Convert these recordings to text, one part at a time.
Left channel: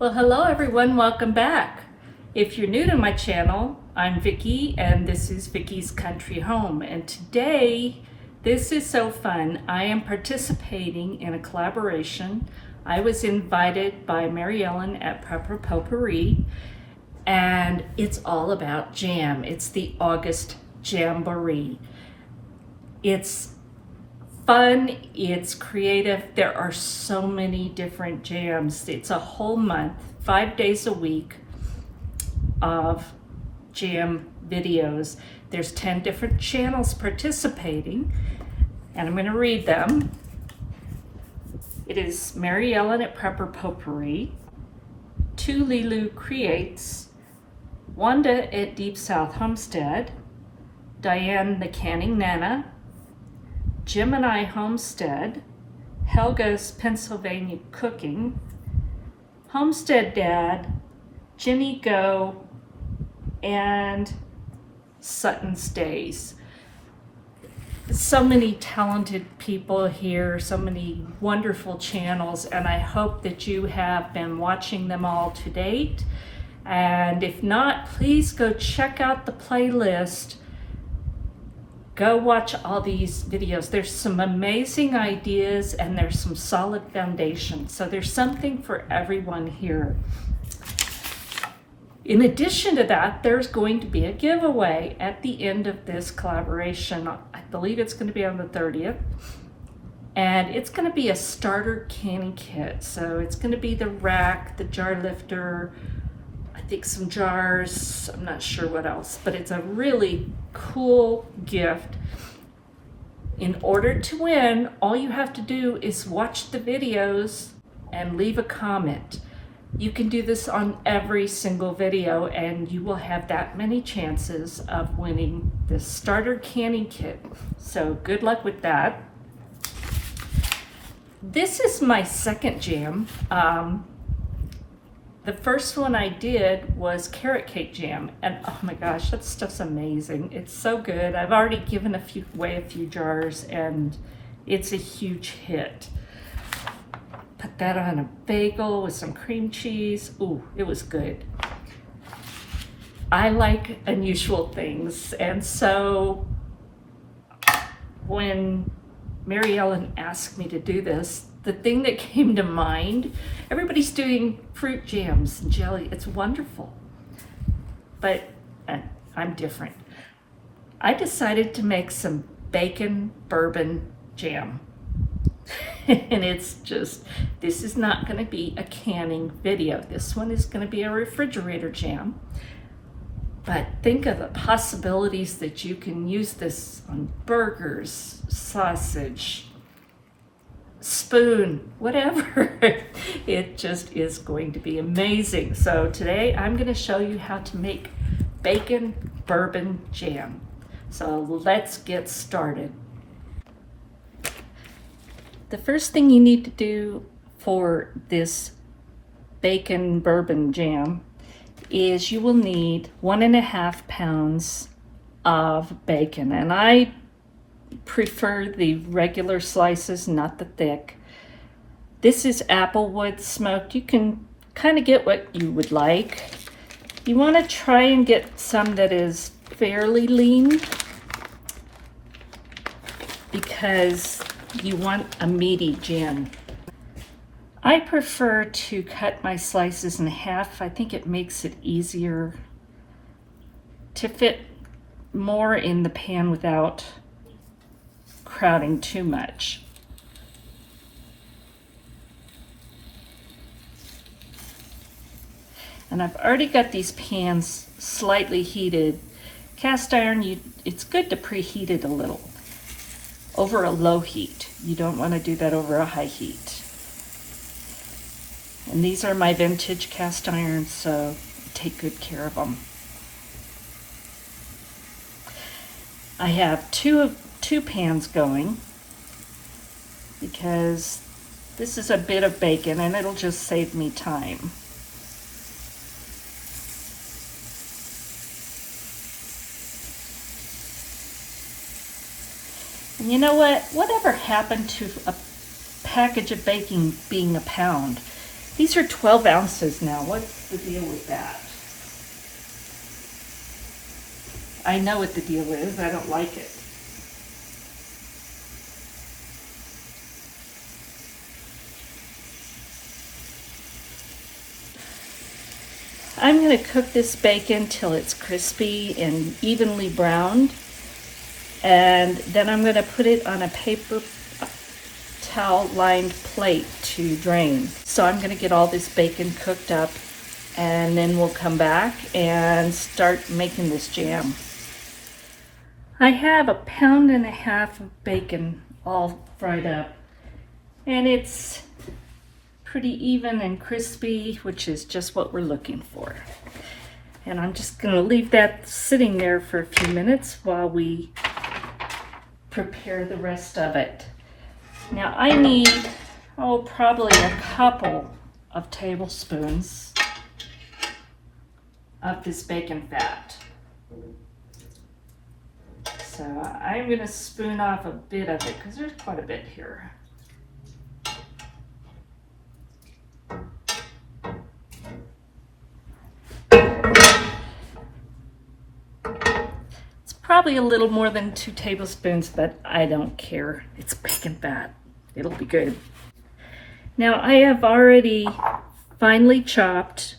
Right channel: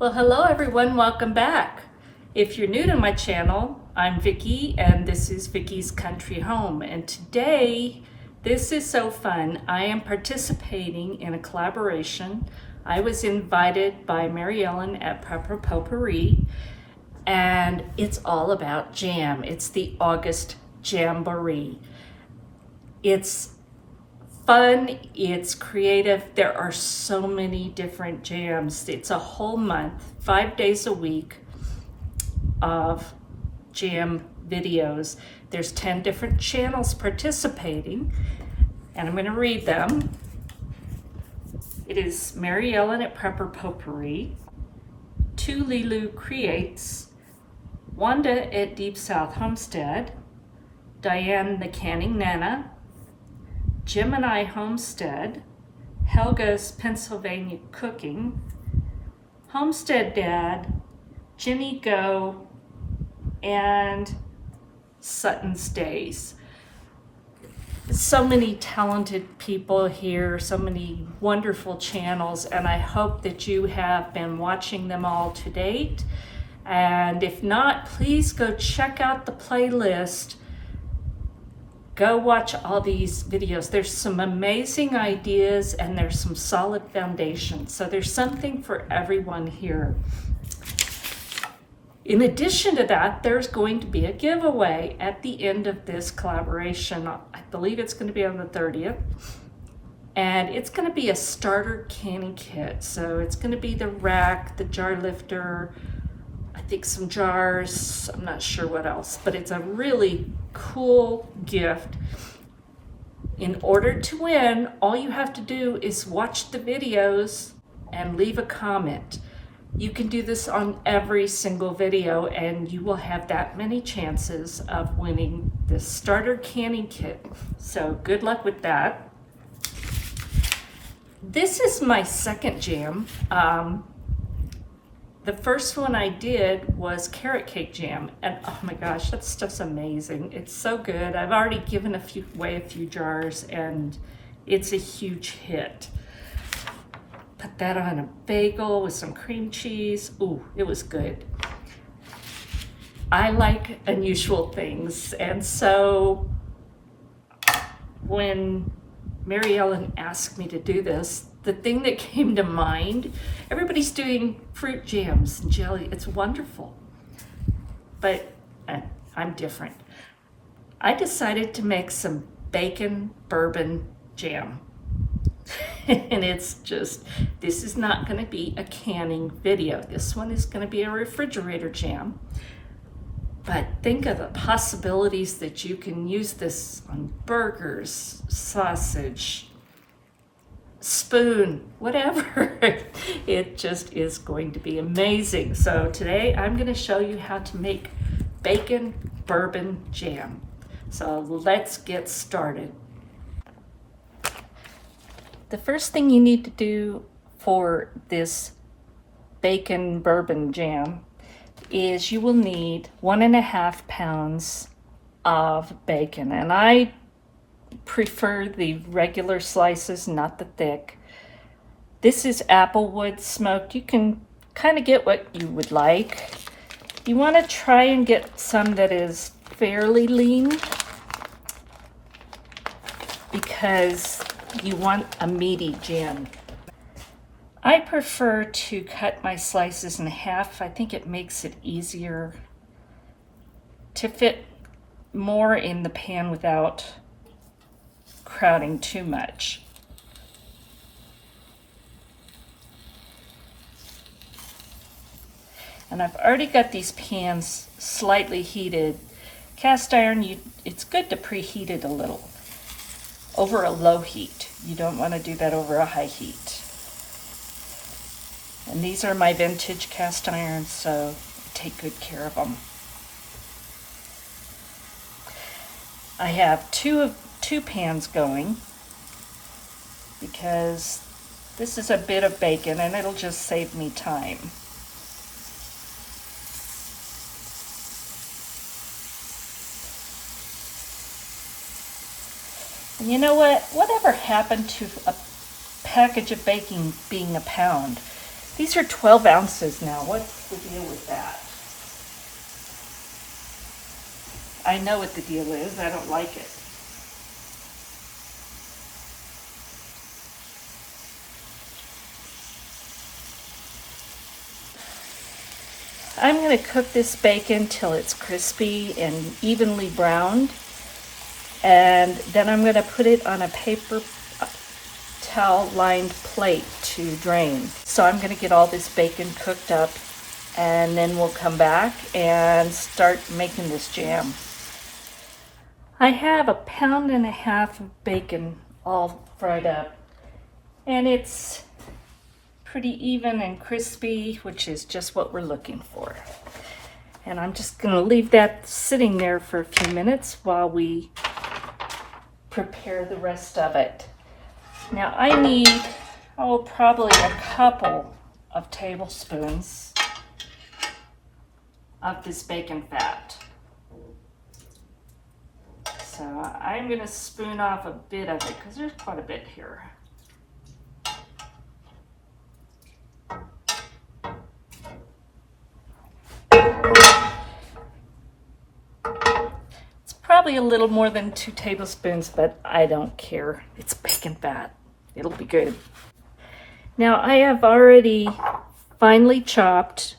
Well, hello everyone, welcome back. If you're new to my channel, I'm Vickie and this is Vickie's Country Home. And today, this is so fun. I am participating in a collaboration. I was invited by Mary Ellen at Preparedness, and it's all about jam. It's the August JAMbouree. It's fun, it's creative. There are so many different jams. It's a whole month, 5 days a week of jam videos. There's 10 different channels participating, and I'm going to read them. It is Mary Ellen at Preparedness, Tu Lilu Creates, Wanda at Deep South Homestead, Diane the Canning Nana, Jim and I Homestead, Helga's Pennsylvania Cooking, Homestead Dad, Ginny Go, and Sutton's Days. So many talented people here, so many wonderful channels, and I hope that you have been watching them all to date. And if not, please go check out the playlist. Go watch all these videos. There's some amazing ideas and there's some solid foundation. So there's something for everyone here. In addition to that, there's going to be a giveaway at the end of this collaboration. I believe it's going to be on the 30th. And it's going to be a starter canning kit. So it's going to be the rack, the jar lifter, I think some jars, I'm not sure what else, but it's a really cool gift. In order to win, all you have to do is watch the videos and leave a comment. You can do this on every single video and you will have that many chances of winning this starter canning kit. So good luck with that. This is my second jam. The first one I did was carrot cake jam, and oh my gosh, that stuff's amazing. It's so good. I've already given away a few jars, and it's a huge hit. Put that on a bagel with some cream cheese. Ooh, it was good. I like unusual things, and so when Mary Ellen asked me to do this, the thing that came to mind, everybody's doing fruit jams and jelly. It's wonderful, but I'm different. I decided to make some bacon bourbon jam. And it's just, this is not going to be a canning video. This one is going to be a refrigerator jam. But think of the possibilities that you can use this on burgers, sausage, spoon, whatever. It just is going to be amazing. So today I'm going to show you how to make bacon bourbon jam. So let's get started. The first thing you need to do for this bacon bourbon jam is you will need 1.5 pounds of bacon, and I prefer the regular slices, not the thick. This is applewood smoked. You can kind of get what you would like. You want to try and get some that is fairly lean because you want a meaty jam. I prefer to cut my slices in half. I think it makes it easier to fit more in the pan without crowding too much. And I've already got these pans slightly heated. Cast iron, it's good to preheat it a little over a low heat. You don't want to do that over a high heat. And these are my vintage cast irons, so I take good care of them. I have two pans going because this is a bit of bacon and it'll just save me time. And you know what? Whatever happened to a package of bacon being a pound? These are 12 ounces now. What's the deal with that? I know what the deal is. I don't like it. I'm going to cook this bacon till it's crispy and evenly browned. And then I'm going to put it on a paper towel lined plate to drain. So I'm going to get all this bacon cooked up, and then we'll come back and start making this jam. I have 1.5 pounds of bacon all fried up, and it's pretty even and crispy, which is just what we're looking for. And I'm just going to leave that sitting there for a few minutes while we prepare the rest of it. Now I need, probably a couple of tablespoons of this bacon fat. So I'm going to spoon off a bit of it because there's quite a bit here. It's probably a little more than 2 tablespoons, but I don't care. It's bacon fat. It'll be good. Now I have already finely chopped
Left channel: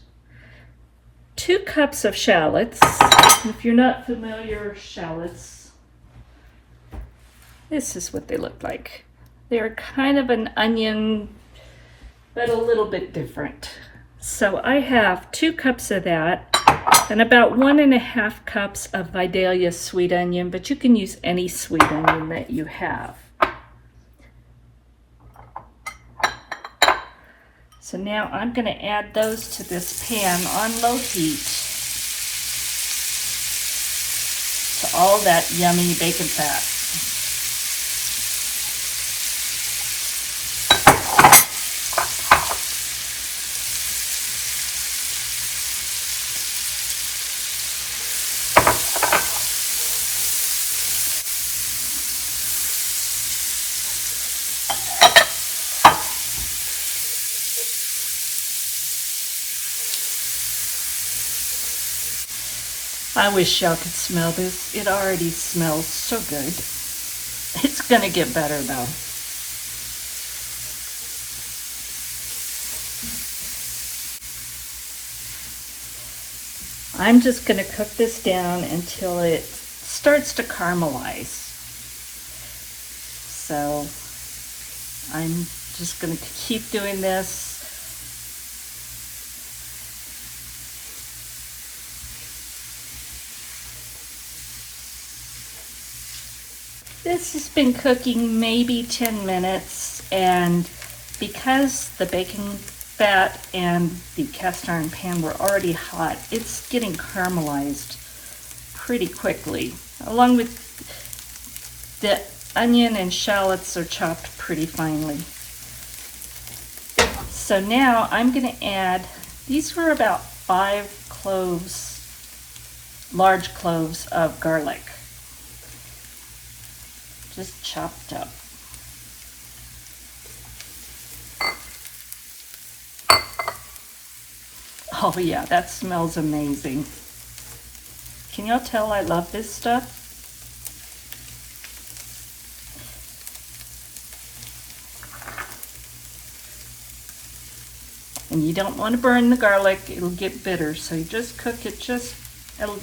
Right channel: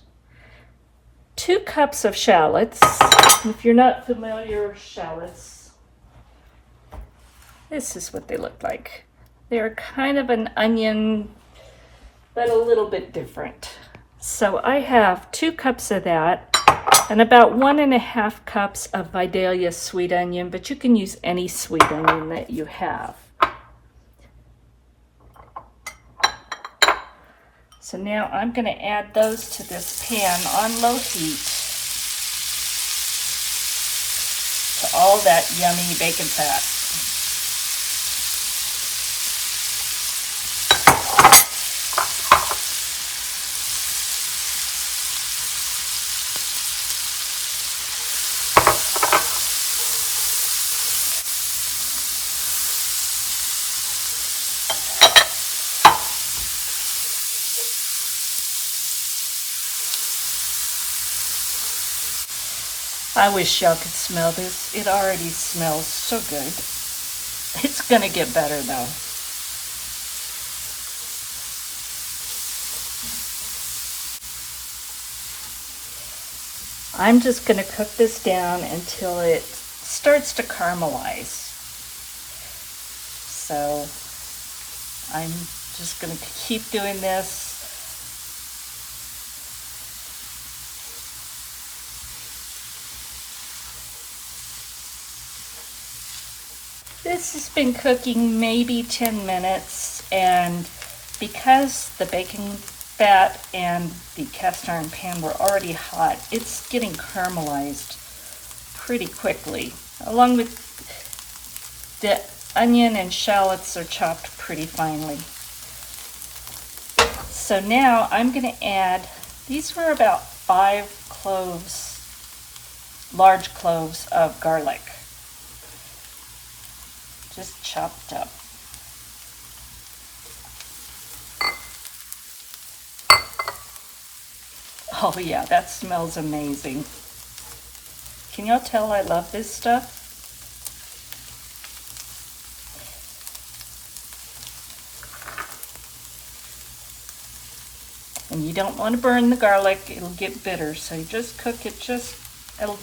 2 cups of shallots. If you're not familiar with shallots, this is what they look like. They're kind of an onion, but a little bit different. So I have 2 cups of that and about 1.5 cups of Vidalia sweet onion, but you can use any sweet onion that you have. So now I'm going to add those to this pan on low heat to all that yummy bacon fat. I wish y'all could smell this. It already smells so good. It's gonna get better though. I'm just gonna cook this down until it starts to caramelize. So I'm just gonna keep doing this. This has been cooking maybe 10 minutes, and because the bacon fat and the cast iron pan were already hot, it's getting caramelized pretty quickly. Along with the onion and shallots are chopped pretty finely. So now I'm going to add, these were about 5 cloves, large cloves of garlic. Just chopped up. Oh yeah, that smells amazing. Can y'all tell I love this stuff? And you don't want to burn the garlic, it'll get bitter, so you just cook it just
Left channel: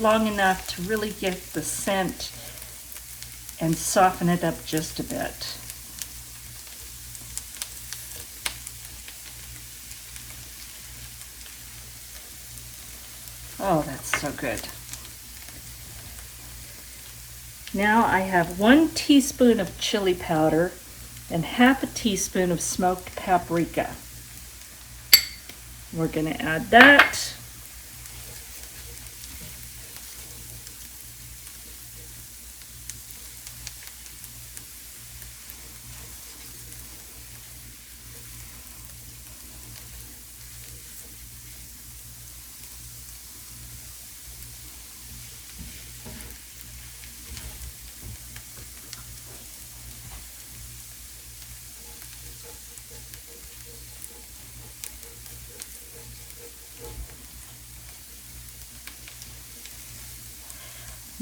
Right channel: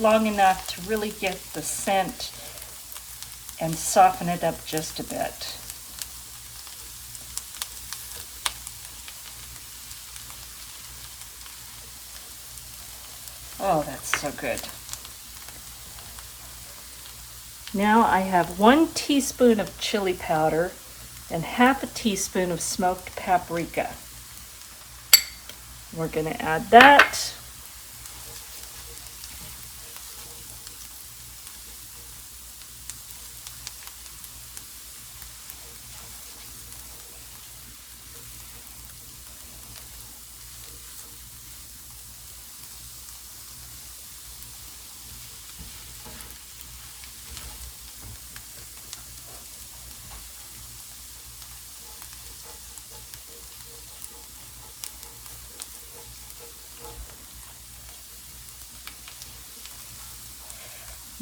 long enough to really get the scent and soften it up just a bit. Oh, that's so good. Now I have 1 teaspoon of chili powder and half a teaspoon of smoked paprika. We're going to add that.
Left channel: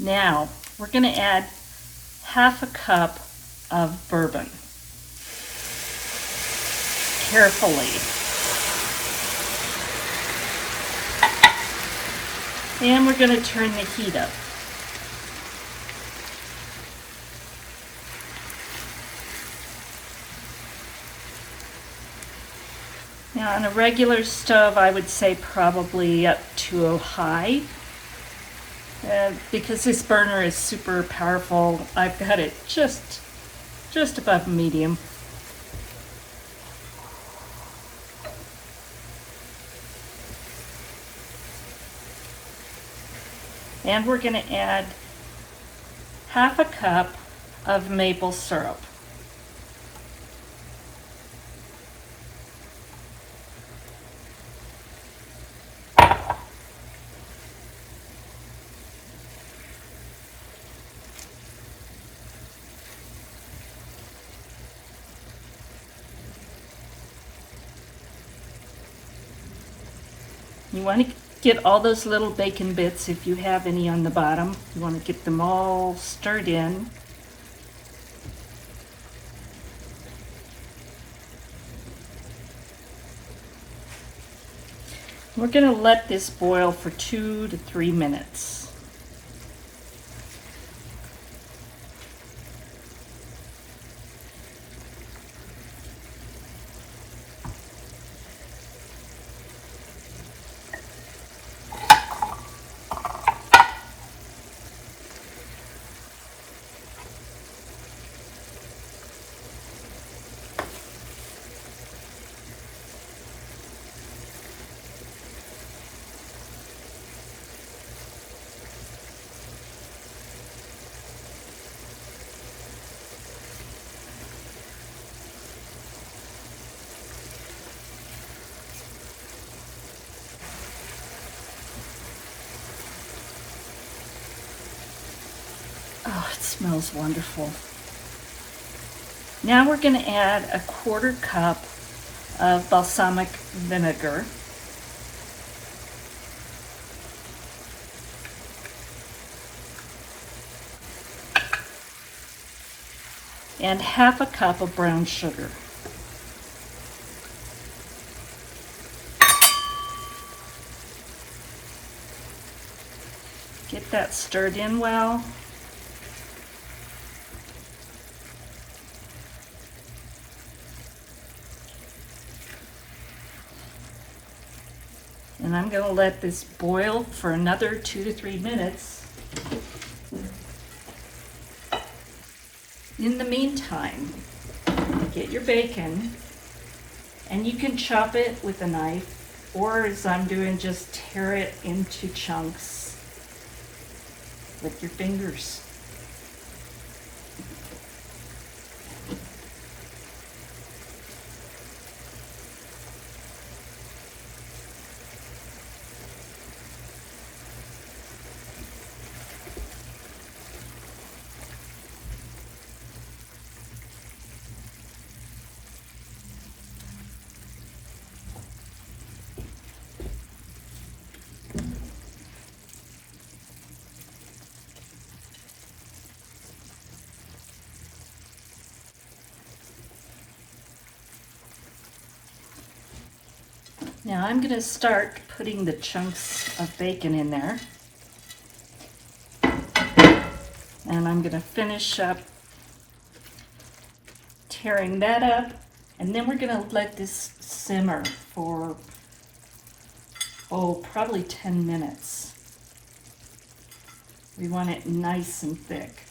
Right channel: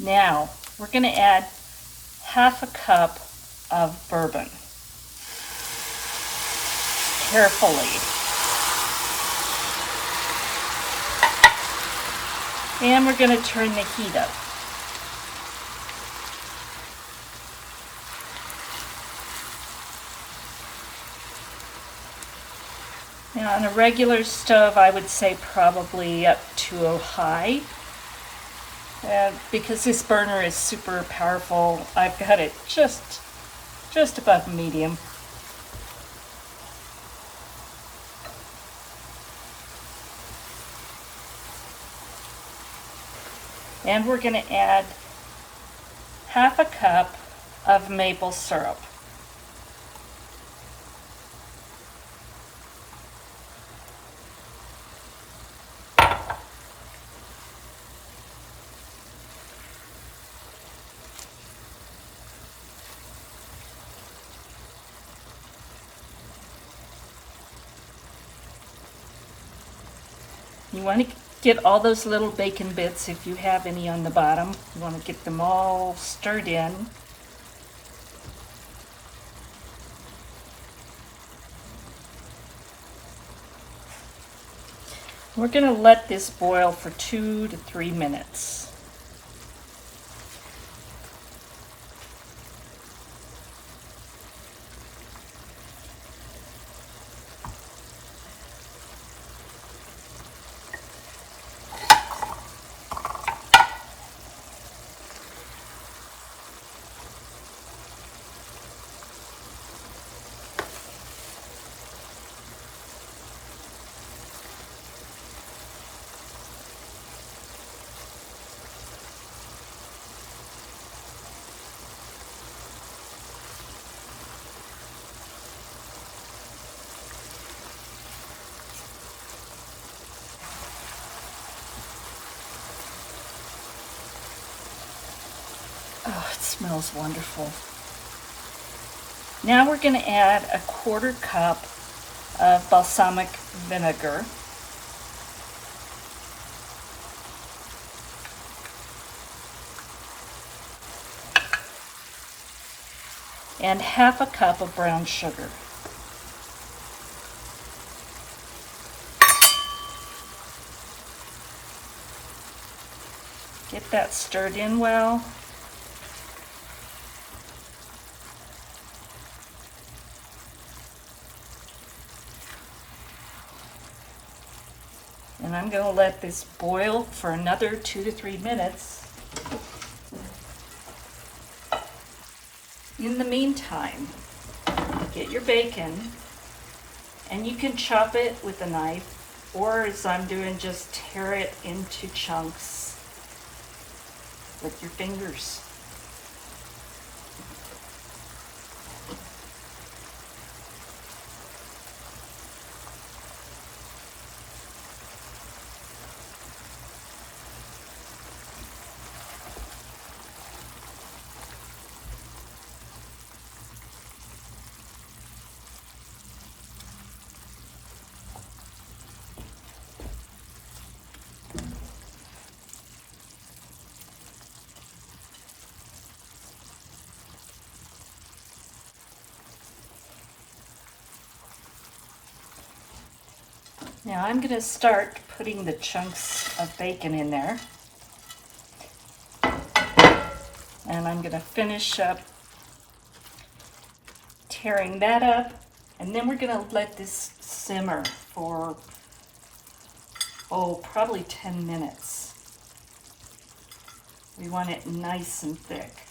Now, we're going to add half a cup of bourbon. Carefully. And we're going to turn the heat up. Now on a regular stove, I would say probably up to a high. Because this burner is super powerful, I've got it just above medium. And we're going to add half a cup of maple syrup. You want to get all those little bacon bits, if you have any on the bottom. You want to get them all stirred in. We're going to let this boil for 2 to 3 minutes. Oh, it smells wonderful. Now we're going to add a 1/4 cup of balsamic vinegar. And half a cup of brown sugar. Get that stirred in well. And I'm going to let this boil for another 2 to 3 minutes. In the meantime, get your bacon, and you can chop it with a knife, or as I'm doing, just tear it into chunks with your fingers. Now I'm going to start putting the chunks of bacon in there. And I'm going to finish up tearing that up. And then we're going to let this simmer for, probably 10 minutes. We want it nice and thick.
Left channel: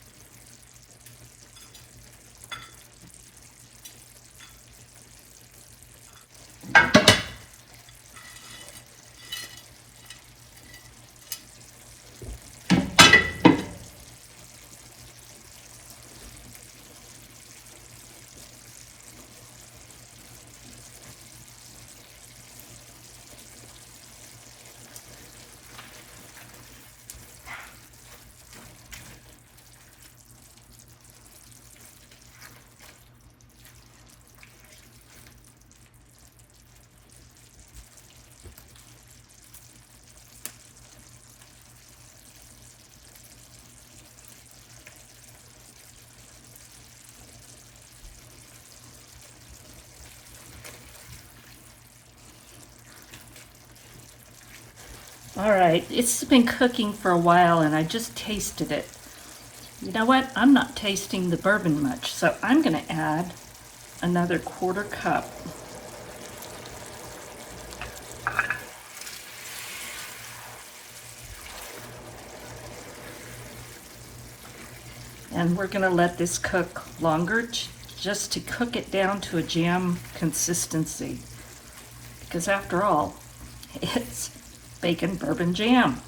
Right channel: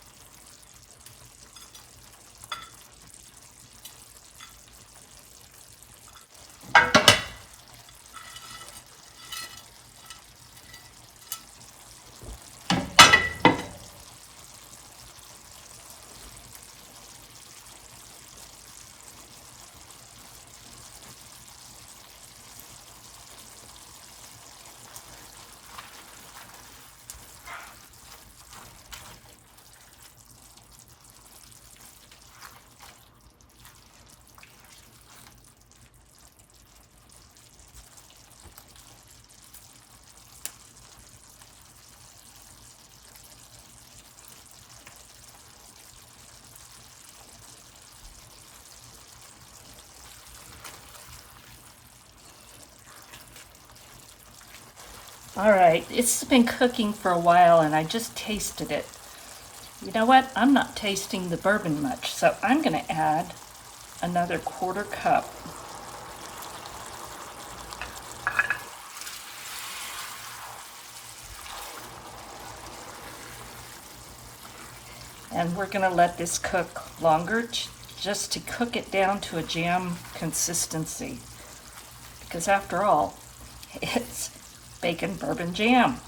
All right, it's been cooking for a while and I just tasted it. You know what? I'm not tasting the bourbon much, so I'm going to add another 1/4 cup. And we're going to let this cook longer just to cook it down to a jam consistency. Because after all, it's bacon bourbon jam.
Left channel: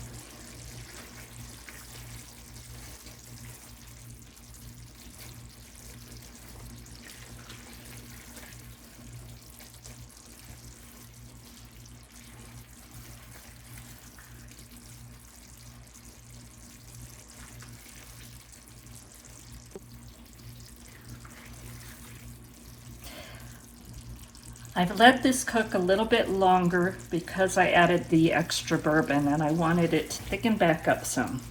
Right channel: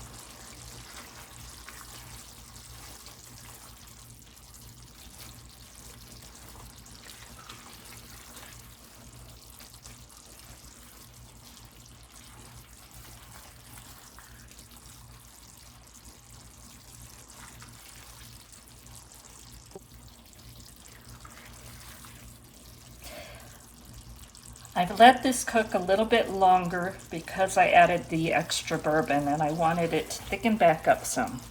I've let this cook a little bit longer because I added the extra bourbon and I wanted it to thicken back up some.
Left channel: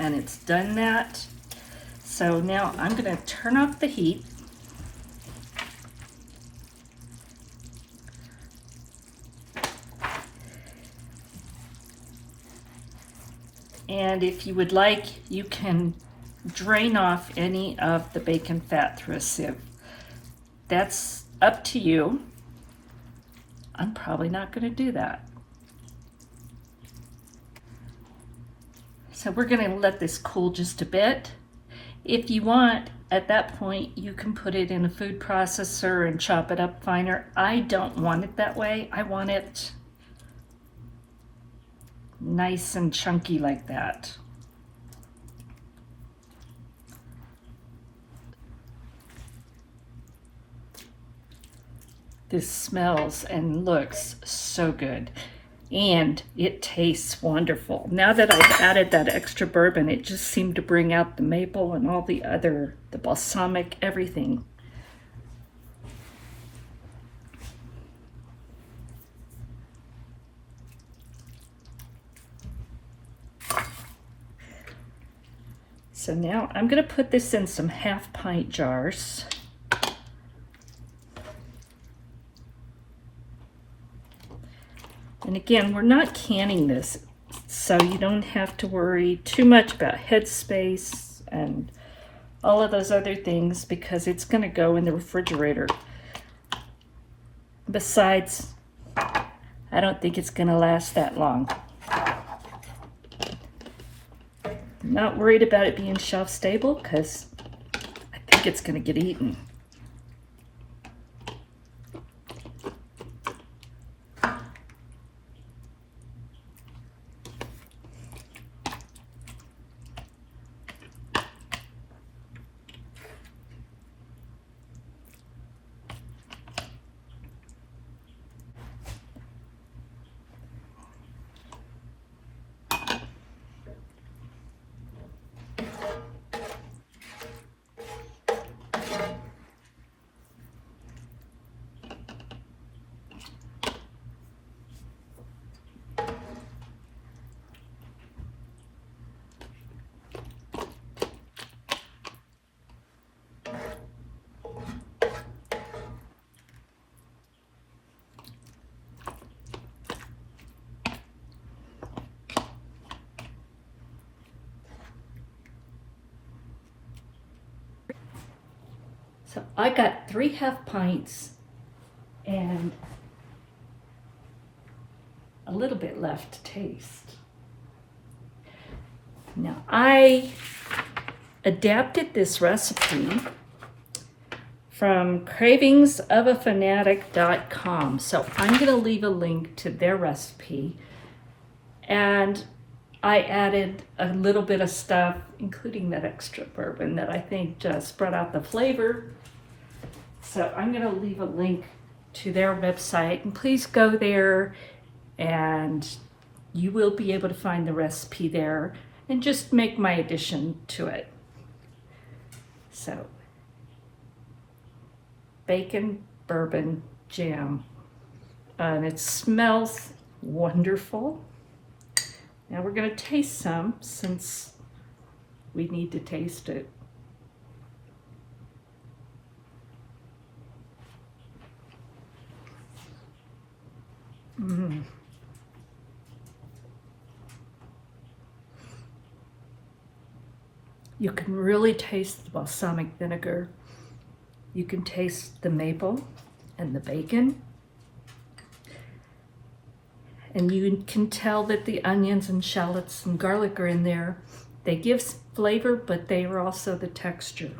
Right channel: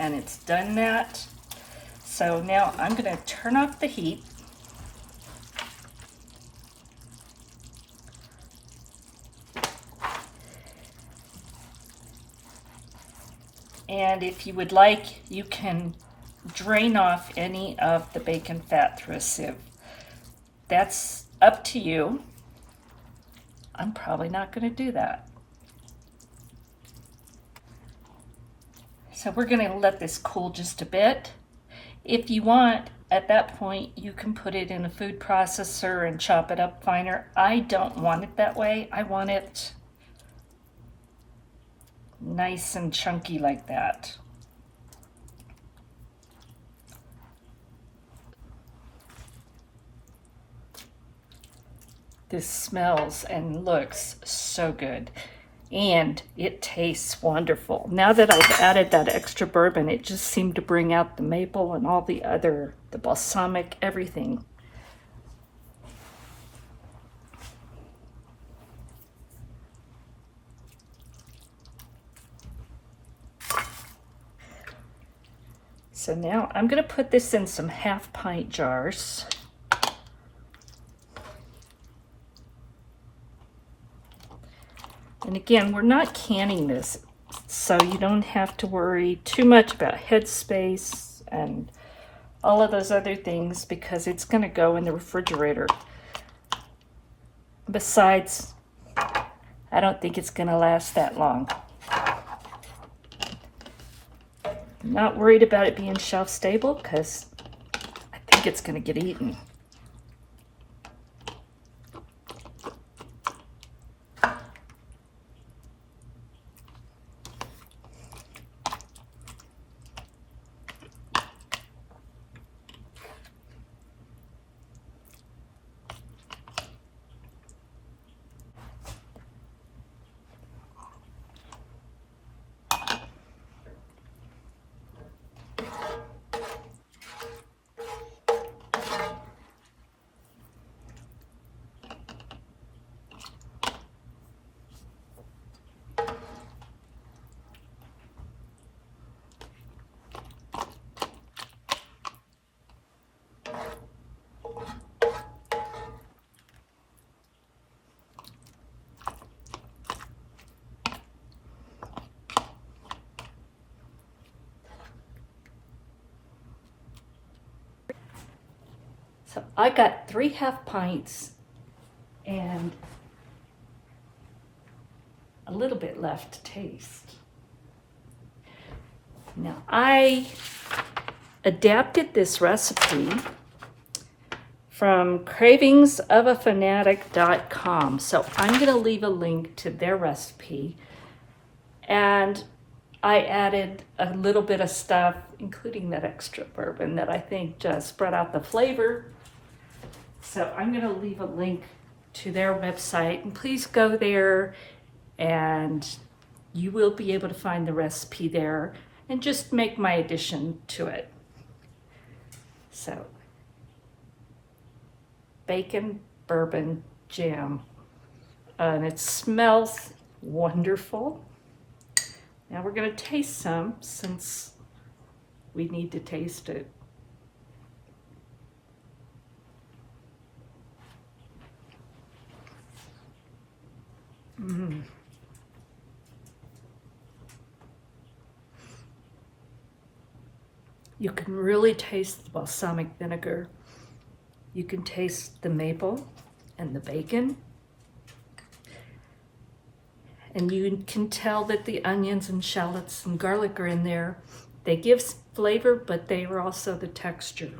And it's done that. So now I'm going to turn off the heat. And if you would like, you can drain off any of the bacon fat through a sieve. That's up to you. I'm probably not going to do that. So we're going to let this cool just a bit. If you want, at that point, you can put it in a food processor and chop it up finer. I don't want it that way. I want it nice and chunky like that. This smells and looks so good, and it tastes wonderful. Now that I've added that extra bourbon, it just seemed to bring out the maple and all the balsamic, everything. So now I'm going to put this in some 1/2 pint jars. And again, we're not canning this, so you don't have to worry too much about headspace and all of those other things because it's going to go in the refrigerator. Besides, I don't think it's going to last that long. I'm not worried about it being shelf stable because I think it's going to get eaten. So I got 3 1/2 pints and a little bit left to taste. Now I adapted this recipe from cravingsofaFanatic.com. So I'm going to leave a link to their recipe, and I added a little bit of stuff, including that extra bourbon that I think just brought out the flavor. So I'm going to leave a link to their website, and please go there and you will be able to find the recipe there and just make my addition to it. So, bacon bourbon jam, and it smells wonderful. Now we're going to taste some since we need to taste it. You can really taste the balsamic vinegar. You can taste the maple and the bacon. And you can tell that the onions and shallots and garlic are in there. They give flavor, but they are also the texture.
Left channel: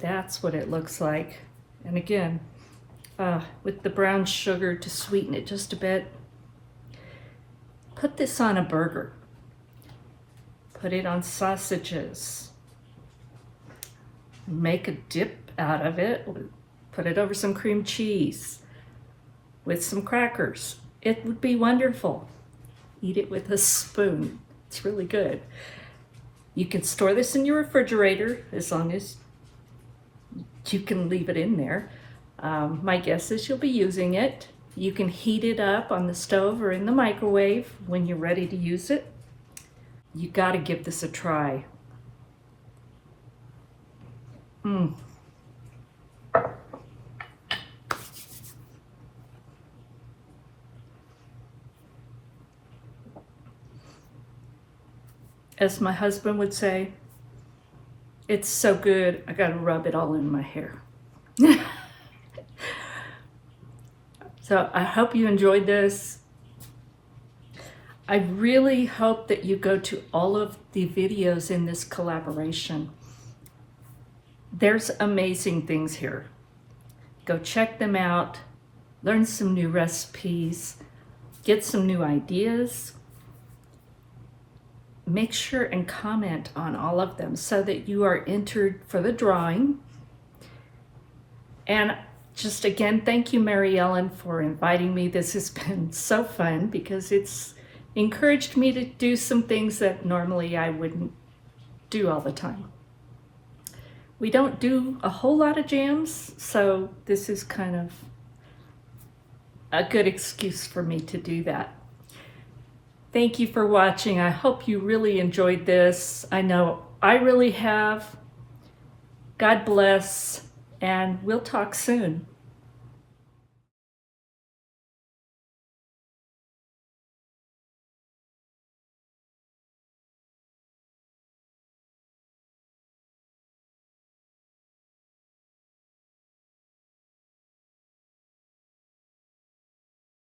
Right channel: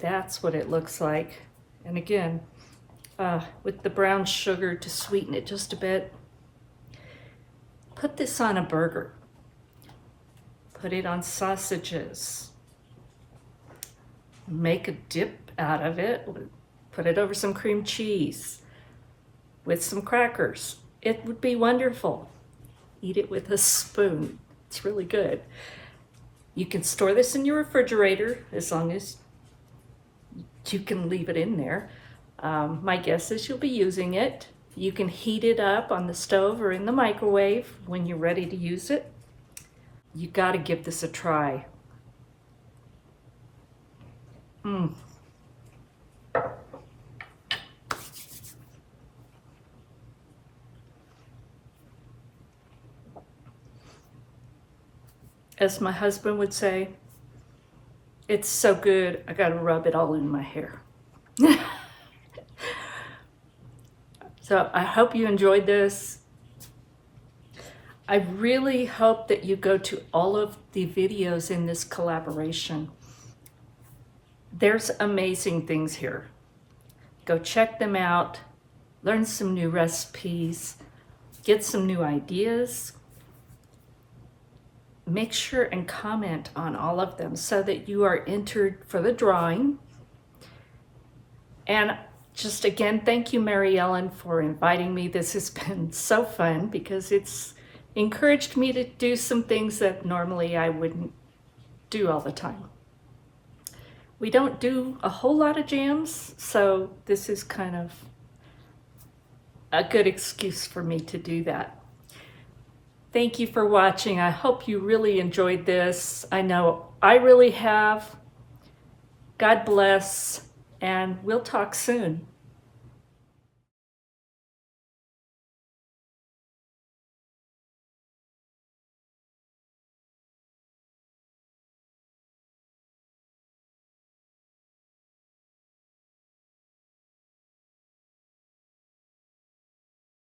That's what it looks like. And again, with the brown sugar to sweeten it just a bit. Put this on a burger. Put it on sausages. Make a dip out of it. Put it over some cream cheese with some crackers. It would be wonderful. Eat it with a spoon. It's really good. You can store this in your refrigerator as long as you can leave it in there. My guess is you'll be using it. You can heat it up on the stove or in the microwave when you're ready to use it. You got to give this a try. As my husband would say, it's so good, I got to rub it all in my hair. So I hope you enjoyed this. I really hope that you go to all of the videos in this collaboration. There's amazing things here. Go check them out, learn some new recipes, get some new ideas. Make sure and comment on all of them so that you are entered for the drawing. And just again, thank you, Mary Ellen, for inviting me. This has been so fun because it's encouraged me to do some things that normally I wouldn't do all the time. We don't do a whole lot of jams, so this is kind of a good excuse for me to do that. Thank you for watching. I hope you really enjoyed this. I know I really have. God bless, and we'll talk soon.